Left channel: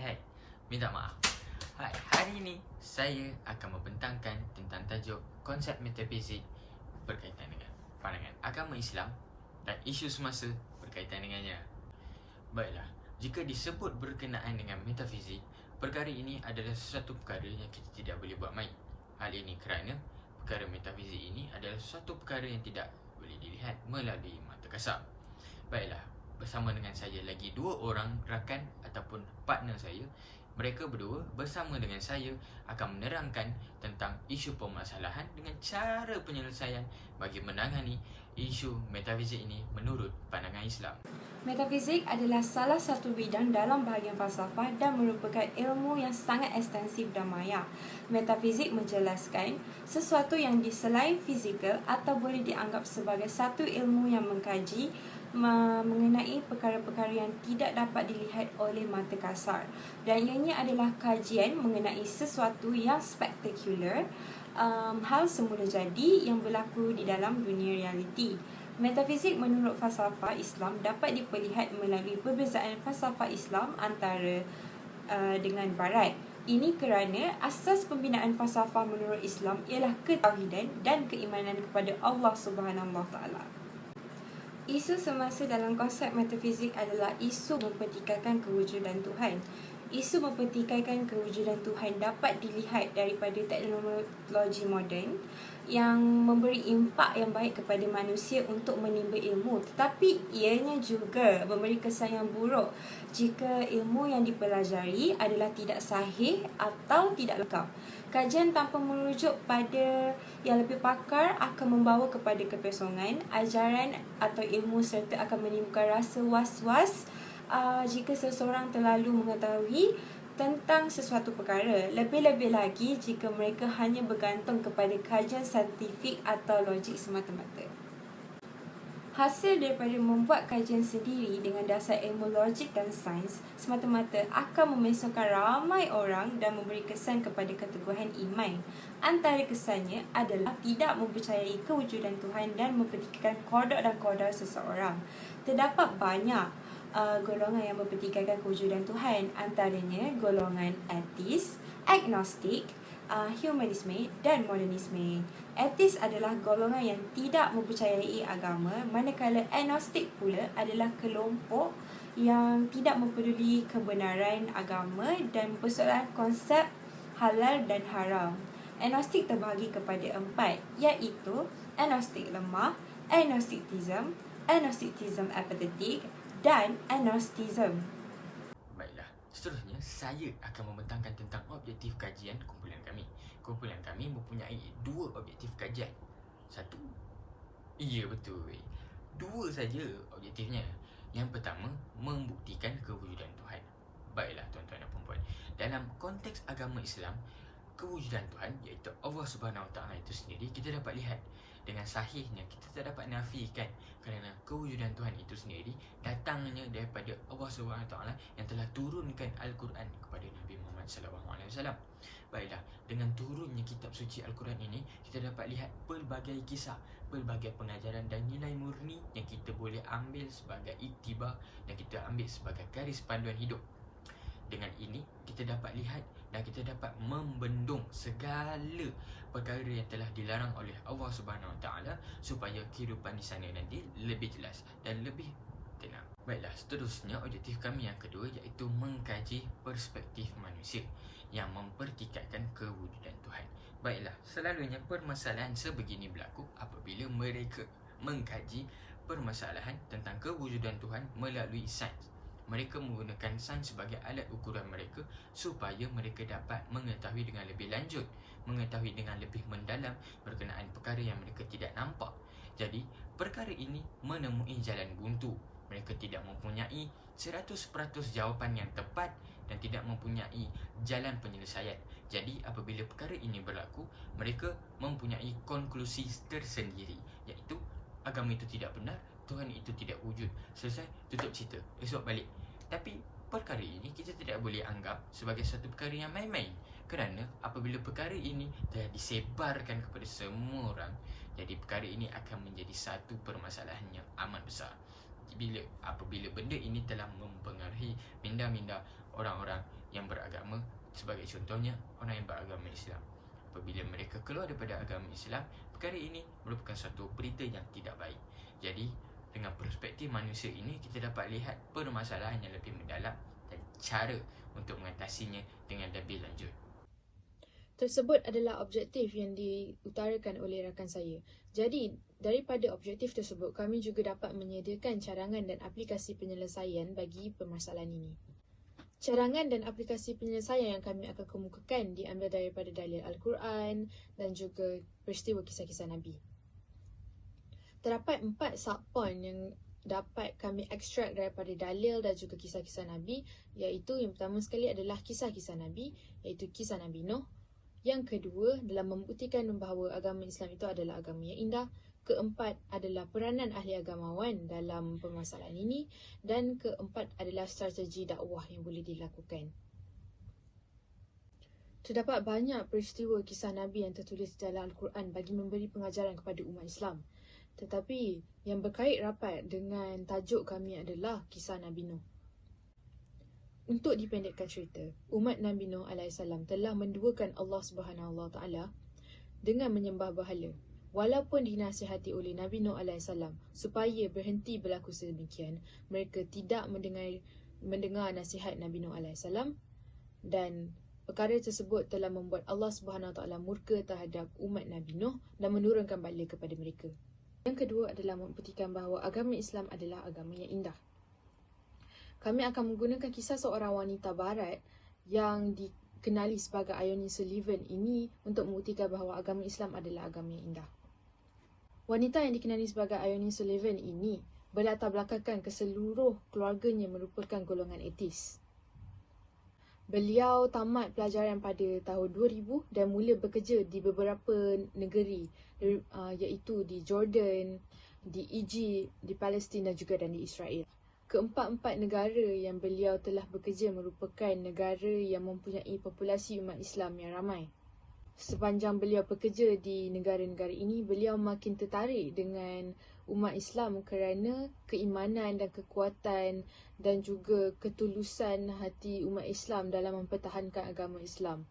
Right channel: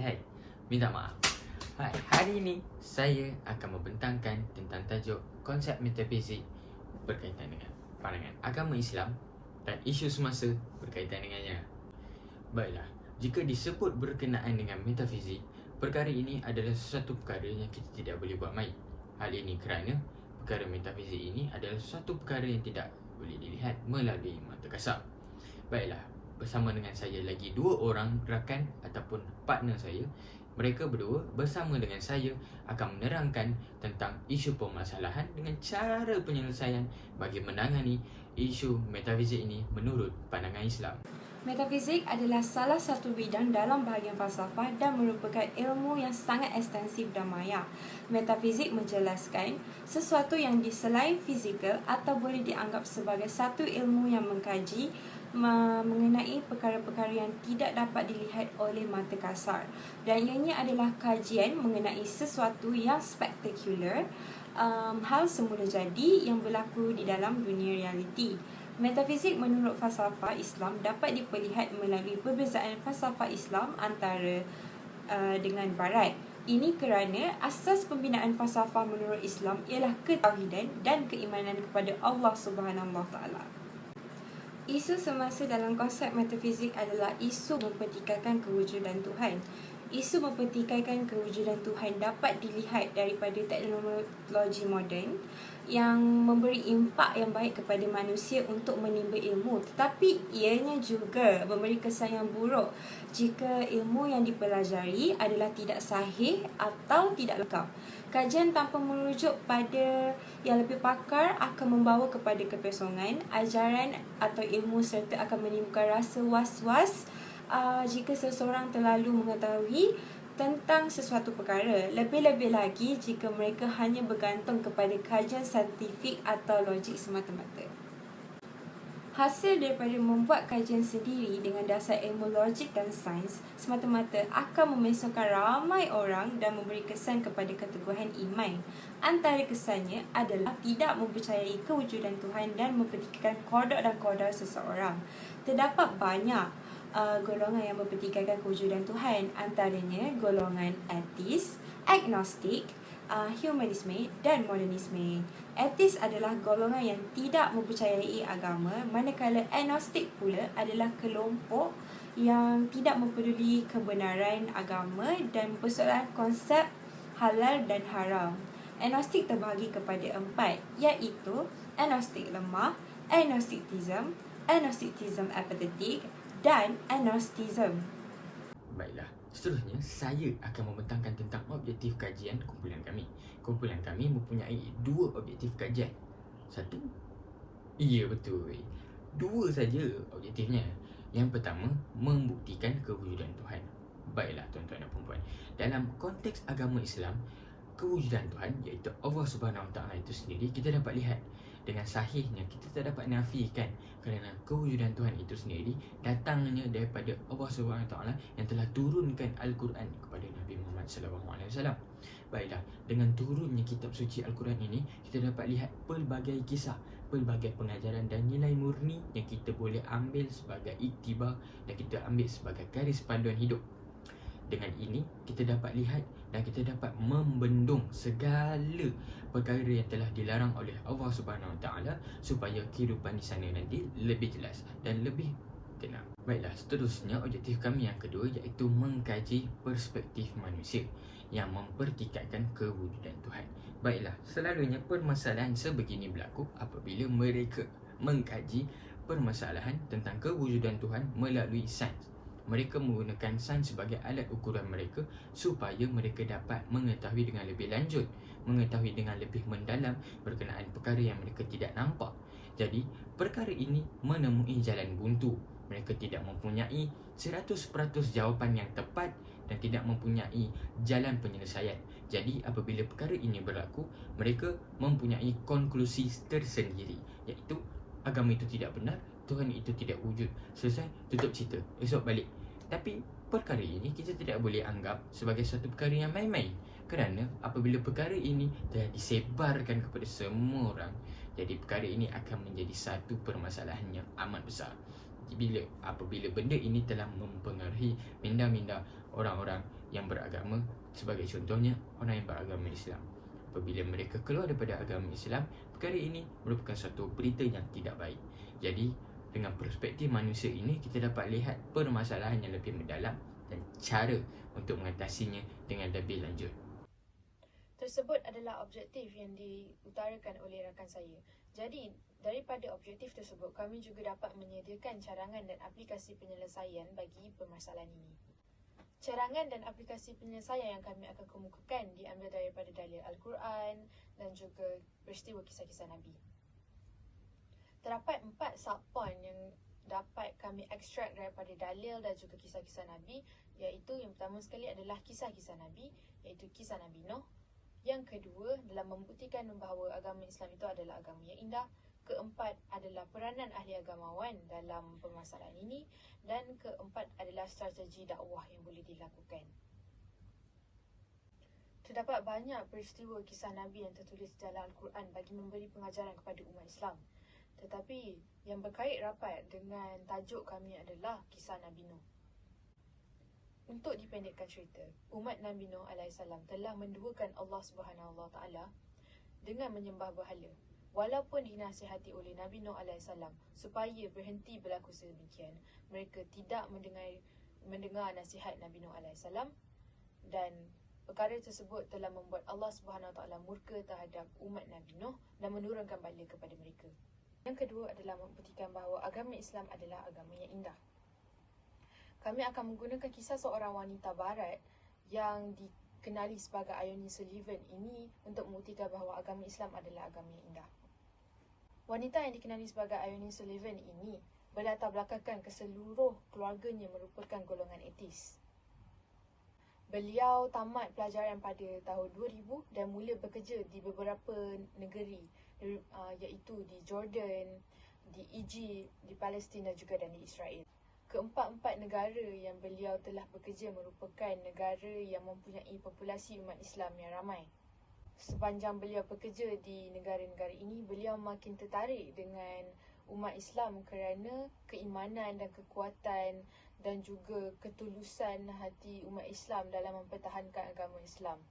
Hai, minta maaf. Hai, hari ini saya akan membentangkan tentang tajuk konsep metafizik berkaitan dengan pandangan agama Islam dan isu semasa berkaitan dengannya. Baiklah, jika disebut berkenaan dengan metafizik, perkara ini adalah sesuatu perkara yang kita tidak boleh buat main. Hal ini kerana perkara metafizik ini adalah sesuatu perkara yang tidak boleh dilihat melalui mata kasar. Baiklah, bersama dengan saya lagi dua orang rakan ataupun partner saya. Mereka berdua bersama dengan saya akan menerangkan tentang isu permasalahan dengan cara penyelesaian bagi menangani isu metafizik ini menurut pandangan Islam. Metafizik adalah salah satu bidang dalam bahagian falsafah dan merupakan ilmu yang sangat ekstensif dan maya. Metafizik menjelaskan sesuatu yang selain fizikal atau boleh dianggap sebagai satu ilmu yang mengkaji mengenai perkara-perkara yang tidak dapat dilihat oleh mata kasar, dan ianya adalah kajian mengenai sesuatu yang spektakular, hal semula jadi yang berlaku di dalam dunia realiti. Metafizik menurut falsafah Islam dapat diperlihat melalui perbezaan falsafah Islam antara dengan Barat. Ini kerana asas pembinaan falsafah menurut Islam ialah ketauhidan dan keimanan kepada Allah Subhanahu Wa Taala. Isu semasa dalam konsep metafizik adalah isu mempertikaikan kewujudan Tuhan. Isu mempertikaikan kewujudan Tuhan dapat dilihat daripada teknologi moden yang memberi impak yang baik kepada manusia untuk menimba ilmu, tetapi ianya juga memberi kesan yang buruk jika ilmu yang dipelajari adalah tidak sahih atau tidak lengkap. Kajian tanpa merujuk pada yang lebih pakar akan membawa kepada kekosongan ajaran atau ilmu serta akan menimbulkan rasa was-was jika seseorang terlalu mengetahui tentang sesuatu perkara. Lebih-lebih lagi jika mereka hanya bergantung kepada kajian saintifik atau logik semata-mata. Hasil daripada membuat kajian sendiri dengan dasar ilmu logik dan sains semata-mata akan memisahkan ramai orang dan memberi kesan kepada keteguhan iman. Antara kesannya adalah tidak mempercayai kewujudan Tuhan dan mempertikaikan qada dan qadar seseorang. Terdapat banyak golongan yang mempertikaikan kewujudan Tuhan, antaranya golongan ateis, agnostik, humanisme dan modernisme. Ateis adalah golongan yang tidak mempercayai agama, manakala agnostik pula adalah kelompok yang tidak mempeduli kebenaran agama dan mempersoalkan konsep halal dan haram. Agnostik terbahagi kepada 4, iaitu agnostik lemah, agnosticism, agnosticism apathetik dan agnosticism. Baiklah, seterusnya saya akan membentangkan tentang objektif kajian kumpulan kami. Kumpulan kami mempunyai dua objektif kajian. Satu, iya betul, dua saja objektifnya. Yang pertama, membuktikan kewujudan Tuhan. Baiklah tuan-tuan dan puan-puan, dalam konteks agama Islam, kewujudan Tuhan iaitu Allah Subhanahu Wa Taala itu sendiri kita dapat lihat dengan sahihnya. Kita tak dapat nafikan kerana kewujudan Tuhan itu sendiri datangnya daripada Allah Subhanahu Wa Taala yang telah turunkan Al-Quran kepada Nabi Muhammad SAW. Baiklah, dengan turunnya kitab suci Al-Quran ini, kita dapat lihat pelbagai kisah, pelbagai pengajaran dan nilai murni yang kita boleh ambil sebagai iktibar dan kita ambil sebagai garis panduan hidup. Dengan ini, kita dapat lihat dan kita dapat membendung segala perkara yang telah dilarang oleh Allah Subhanahu Wa Taala supaya kehidupan di sana nanti lebih jelas dan lebih tenang. Baiklah, seterusnya objektif kami yang kedua iaitu mengkaji perspektif manusia yang mempertikaikan kewujudan Tuhan. Baiklah, selalunya permasalahan sebegini berlaku apabila mereka mengkaji permasalahan tentang kewujudan Tuhan melalui sains. Mereka menggunakan sains sebagai alat ukuran mereka supaya mereka dapat mengetahui dengan lebih lanjut, mengetahui dengan lebih mendalam berkenaan perkara yang mereka tidak nampak. Jadi, perkara ini menemui jalan buntu. Mereka tidak mempunyai 100% jawapan yang tepat dan tidak mempunyai jalan penyelesaian. Jadi, apabila perkara ini berlaku, mereka mempunyai konklusi tersendiri, iaitu agama itu tidak benar, Tuhan itu tidak wujud. Selesai, tutup cerita, esok balik. Tapi perkara ini kita tidak boleh anggap sebagai satu perkara yang main-main, Kerana apabila perkara ini telah disebarkan kepada semua orang, jadi perkara ini akan menjadi satu permasalahan yang amat besar. Apabila benda ini telah mempengaruhi minda-minda orang-orang yang beragama, sebagai contohnya orang yang beragama Islam. Apabila mereka keluar daripada agama Islam, perkara ini merupakan satu berita yang tidak baik. Jadi dengan perspektif manusia ini, kita dapat lihat permasalahan yang lebih mendalam dan cara untuk mengatasinya dengan lebih lanjut. Tersebut adalah objektif yang diutarakan oleh rakan saya. Jadi, daripada objektif tersebut, kami juga dapat menyediakan cadangan dan aplikasi penyelesaian bagi permasalahan ini. Cadangan dan aplikasi penyelesaian yang kami akan kemukakan diambil daripada dalil Al-Quran dan juga peristiwa kisah-kisah Nabi. Terdapat 4 subpoint yang dapat kami ekstrak daripada dalil dan juga kisah-kisah Nabi, iaitu yang pertama sekali adalah kisah-kisah Nabi, iaitu kisah Nabi Nuh. Yang kedua, dalam membuktikan bahawa agama Islam itu adalah agama yang indah. Keempat adalah peranan ahli agamawan dalam permasalahan ini. Dan keempat adalah strategi dakwah yang boleh dilakukan. Terdapat banyak peristiwa kisah Nabi yang tertulis dalam Al-Quran bagi memberi pengajaran kepada umat Islam. Tetapi yang berkait rapat dengan tajuk kami adalah kisah Nabi Nuh. Untuk dipendekkan cerita, umat Nabi Nuh AS telah menduakan Allah SWT dengan menyembah berhala. Walaupun dinasihati oleh Nabi Nuh AS supaya berhenti berlaku sedemikian, mereka tidak mendengar nasihat Nabi Nuh AS, dan perkara tersebut telah membuat Allah SWT murka terhadap umat Nabi Nuh dan menurunkan bala kepada mereka. Yang kedua adalah membuktikan bahawa agama Islam adalah agama yang indah. Kami akan menggunakan kisah seorang wanita barat yang dikenali sebagai Ione Sullivan ini untuk membuktikan bahawa agama Islam adalah agama yang indah. Wanita yang dikenali sebagai Ione Sullivan ini berlatar belakangkan keseluruh keluarganya merupakan golongan etis. Beliau tamat pelajaran pada tahun 2000 dan mula bekerja di beberapa negeri, iaitu di Jordan, di Egypt, di Palestin dan juga di Israel. Keempat-empat negara yang beliau telah bekerja merupakan negara yang mempunyai populasi umat Islam yang ramai. Sepanjang beliau bekerja di negara-negara ini, beliau makin tertarik dengan umat Islam kerana keimanan dan kekuatan dan juga ketulusan hati umat Islam dalam mempertahankan agama Islam.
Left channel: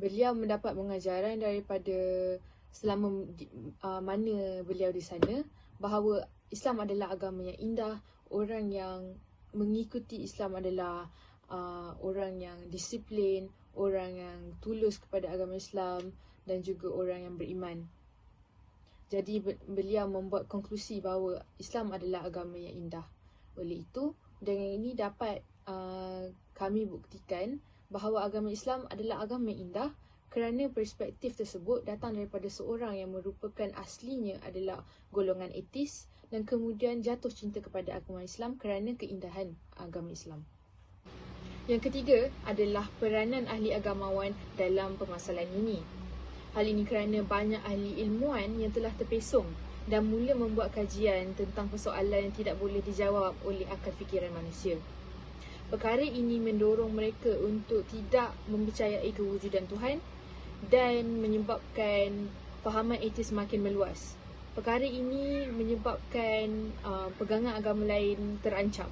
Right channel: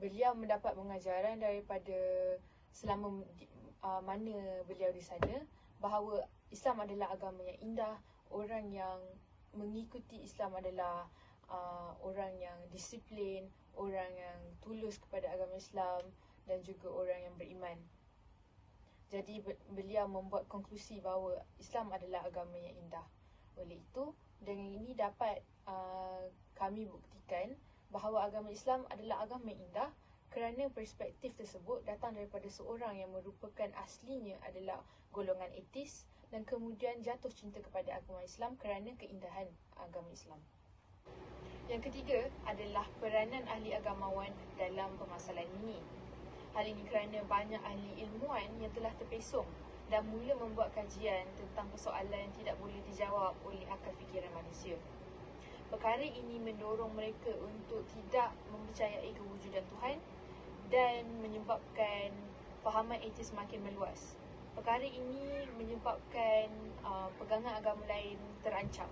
Beliau mendapat pengajaran daripada selama mana beliau di sana bahawa Islam adalah agama yang indah, orang yang mengikuti Islam adalah orang yang disiplin, orang yang tulus kepada agama Islam dan juga orang yang beriman. Jadi beliau membuat konklusi bahawa Islam adalah agama yang indah. Oleh itu, dengan ini dapat kami buktikan bahawa agama Islam adalah agama yang indah kerana perspektif tersebut datang daripada seorang yang merupakan aslinya adalah golongan etis dan kemudian jatuh cinta kepada agama Islam kerana keindahan agama Islam. Yang ketiga adalah peranan ahli agamawan dalam permasalahan ini. Hal ini kerana banyak ahli ilmuwan yang telah terpesong dan mula membuat kajian tentang persoalan yang tidak boleh dijawab oleh akal fikiran manusia. Perkara ini mendorong mereka untuk tidak mempercayai kewujudan Tuhan dan menyebabkan fahaman etis makin meluas. Perkara ini menyebabkan pegangan agama lain terancam.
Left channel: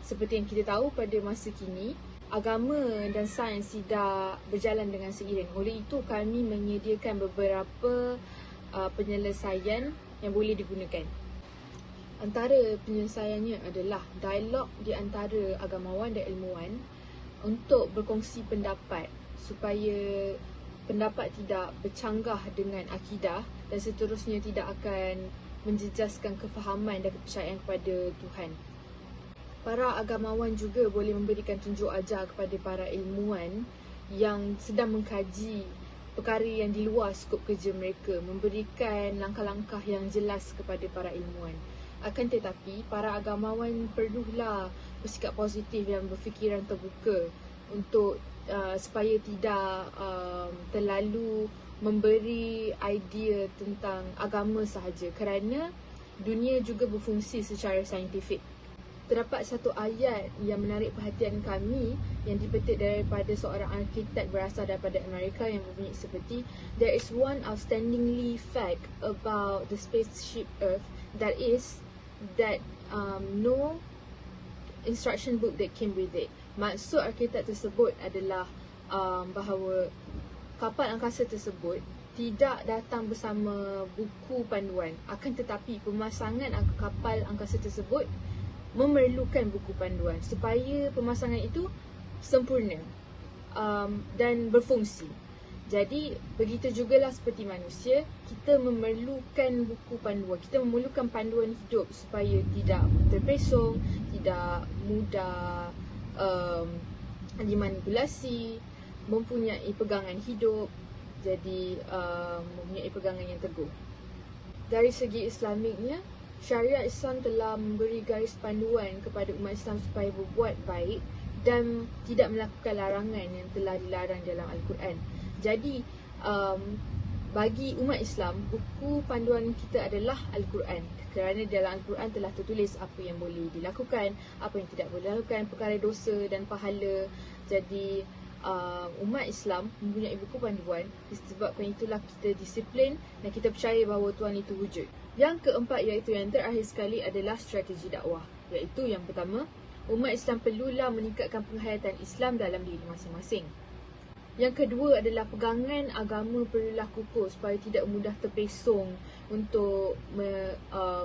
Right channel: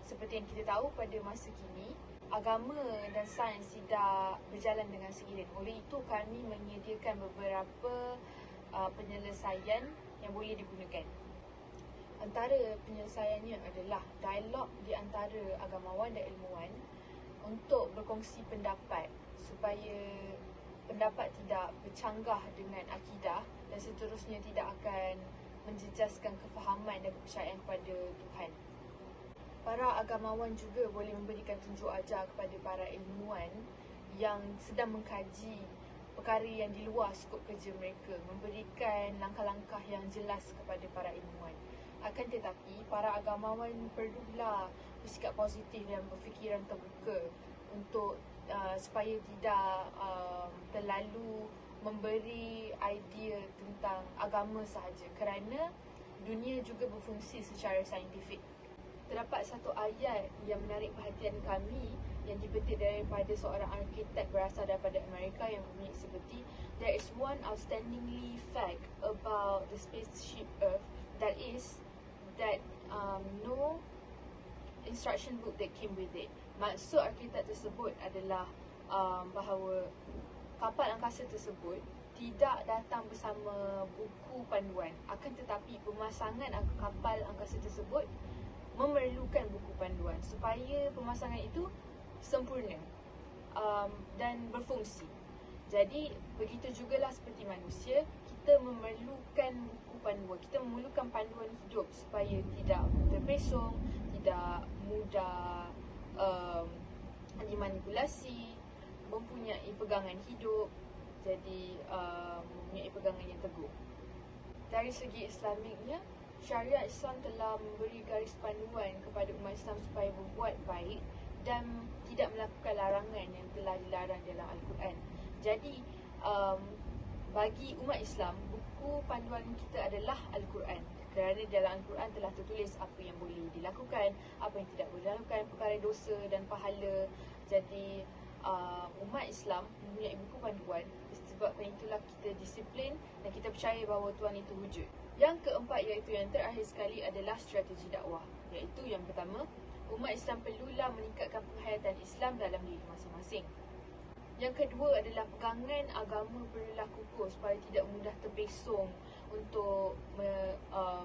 Seperti yang kita tahu, pada masa kini, agama dan sains tidak berjalan dengan seiring. Oleh itu, kami menyediakan beberapa penyelesaian yang boleh digunakan. Antara penyelesaiannya adalah dialog di antara agamawan dan ilmuwan untuk berkongsi pendapat supaya pendapat tidak bercanggah dengan akidah dan seterusnya tidak akan menjejaskan kefahaman dan kepercayaan kepada Tuhan. Para agamawan juga boleh memberikan tunjuk ajar kepada para ilmuwan yang sedang mengkaji perkara yang di luar skop kerja mereka, memberikan langkah-langkah yang jelas kepada para ilmuwan. Akan tetapi, para agamawan perlulah bersikap positif dan berfikiran terbuka untuk supaya tidak terlalu memberi idea tentang agama sahaja kerana dunia juga berfungsi secara saintifik. terdapat satu ayat yang menarik perhatian kami yang dipetik daripada seorang arkitek berasal daripada Amerika yang berbunyi seperti, there is one outstandingly fact about the spaceship Earth, that is that no instruction book that came with it. Maksud arkitek tersebut adalah bahawa kapal angkasa tersebut tidak datang bersama buku panduan, akan tetapi pemasangan kapal angkasa tersebut memerlukan buku panduan supaya pemasangan itu sempurna dan berfungsi. Jadi begitu jugalah seperti manusia, kita memerlukan buku panduan, kita memerlukan panduan hidup supaya tidak terpesong, tidak mudah dimanipulasi, mempunyai pegangan hidup, jadi mempunyai pegangan yang teguh. Dari segi Islamiknya, syariat Islam telah memberi garis panduan kepada umat Islam supaya berbuat baik dan tidak melakukan larangan yang telah dilarang dalam Al-Quran. Jadi bagi umat Islam, buku panduan kita adalah Al-Quran, kerana dalam Al-Quran telah tertulis apa yang boleh dilakukan, apa yang tidak boleh dilakukan, perkara dosa dan pahala. Jadi umat Islam mempunyai buku panduan, disebabkan itulah kita disiplin dan kita percaya bahawa Tuhan itu wujud. Yang keempat, iaitu yang terakhir sekali, adalah strategi dakwah. Iaitu yang pertama, umat Islam perlulah meningkatkan penghayatan Islam dalam diri masing-masing. Yang kedua adalah pegangan agama perlulah kukuh supaya tidak mudah terpesong untuk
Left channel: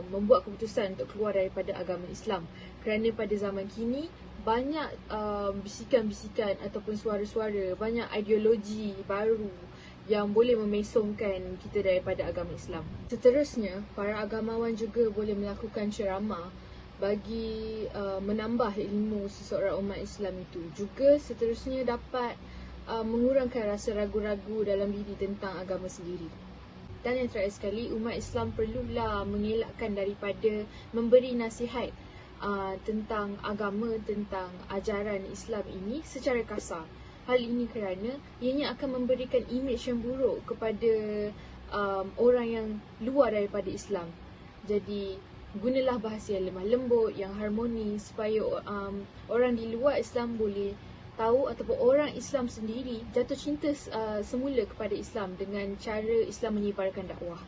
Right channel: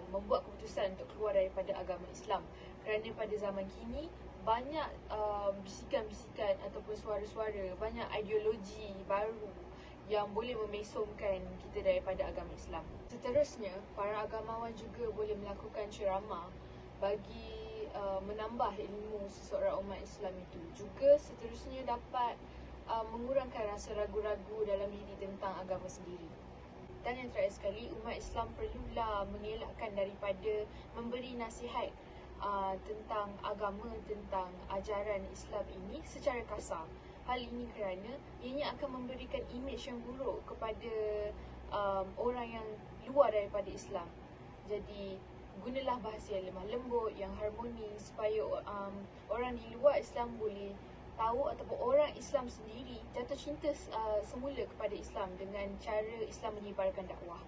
membuat keputusan untuk keluar daripada agama Islam. Kerana pada zaman kini banyak bisikan-bisikan ataupun suara-suara, banyak ideologi baru yang boleh memesongkan kita daripada agama Islam. Seterusnya, para agamawan juga boleh melakukan ceramah bagi menambah ilmu seseorang umat Islam itu. Juga seterusnya dapat mengurangkan rasa ragu-ragu dalam diri tentang agama sendiri. Dan yang terakhir sekali, umat Islam perlulah mengelakkan daripada memberi nasihat tentang agama, tentang ajaran Islam ini secara kasar. Hal ini kerana ianya akan memberikan imej yang buruk kepada orang yang luar daripada Islam. Jadi gunalah bahasa yang lemah lembut, yang harmonis, supaya orang di luar Islam boleh tahu, ataupun orang Islam sendiri jatuh cinta semula kepada Islam dengan cara Islam menyebarkan dakwah.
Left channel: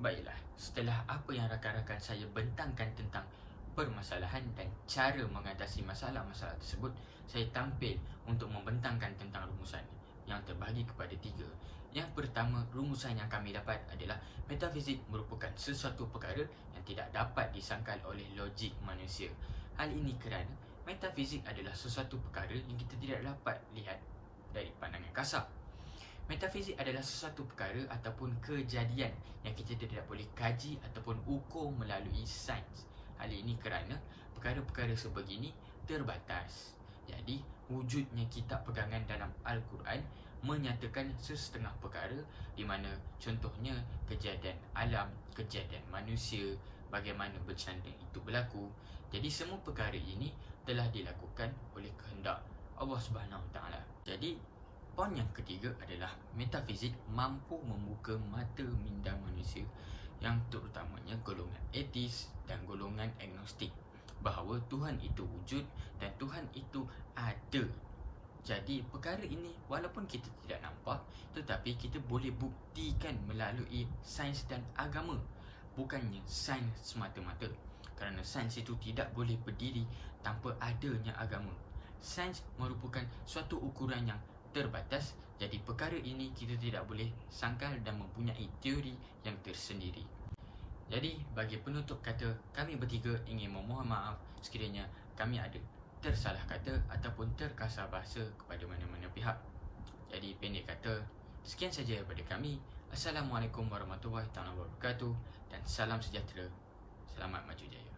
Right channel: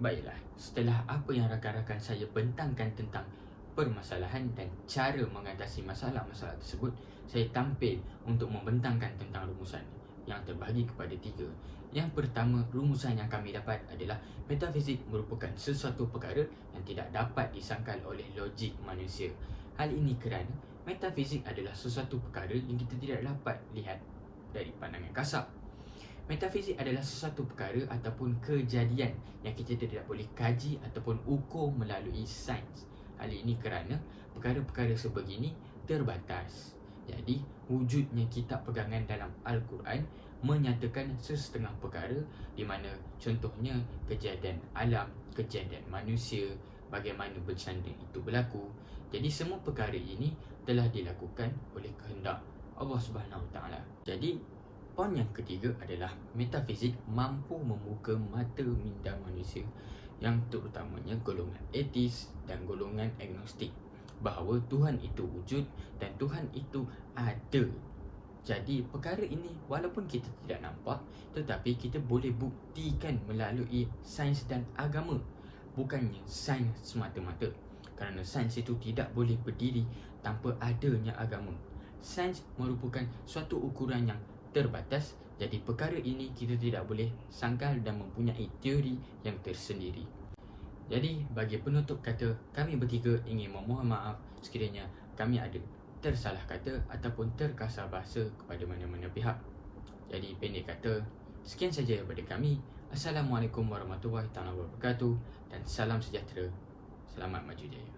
Baiklah, setelah apa yang rakan-rakan saya bentangkan tentang permasalahan dan cara mengatasi masalah-masalah tersebut, saya tampil untuk membentangkan tentang rumusan yang terbahagi kepada 3. Yang pertama, rumusan yang kami dapat adalah metafizik merupakan sesuatu perkara yang tidak dapat disangkal oleh logik manusia. Hal ini kerana metafizik adalah sesuatu perkara yang kita tidak dapat lihat dari pandangan kasar. Metafizik adalah sesuatu perkara ataupun kejadian yang kita tidak boleh kaji ataupun ukur melalui sains. Hal ini kerana perkara-perkara sebegini terbatas. Jadi, wujudnya kitab pegangan dalam Al-Quran menyatakan sesetengah perkara di mana contohnya kejadian alam, kejadian manusia, bagaimana bercanda itu berlaku. Jadi, semua perkara ini telah dilakukan oleh kehendak Allah Subhanahu Wa Taala. Jadi, poin yang ketiga adalah metafizik mampu membuka mata minda manusia yang terutamanya golongan etis dan golongan agnostik bahawa Tuhan itu wujud dan Tuhan itu ada. Jadi perkara ini walaupun kita tidak nampak, tetapi kita boleh buktikan melalui sains dan agama, bukannya sains semata-mata. Kerana sains itu tidak boleh berdiri tanpa adanya agama. Sains merupakan suatu ukuran yang terbatas. Jadi perkara ini kita tidak boleh sangkal dan mempunyai teori yang tersendiri. Jadi bagi penutup kata, kami bertiga ingin memohon maaf sekiranya kami ada tersalah kata ataupun terkasar bahasa kepada mana-mana pihak. Jadi pendek kata, sekian saja daripada kami. Assalamualaikum warahmatullahi wabarakatuh dan salam sejahtera. Selamat maju jaya.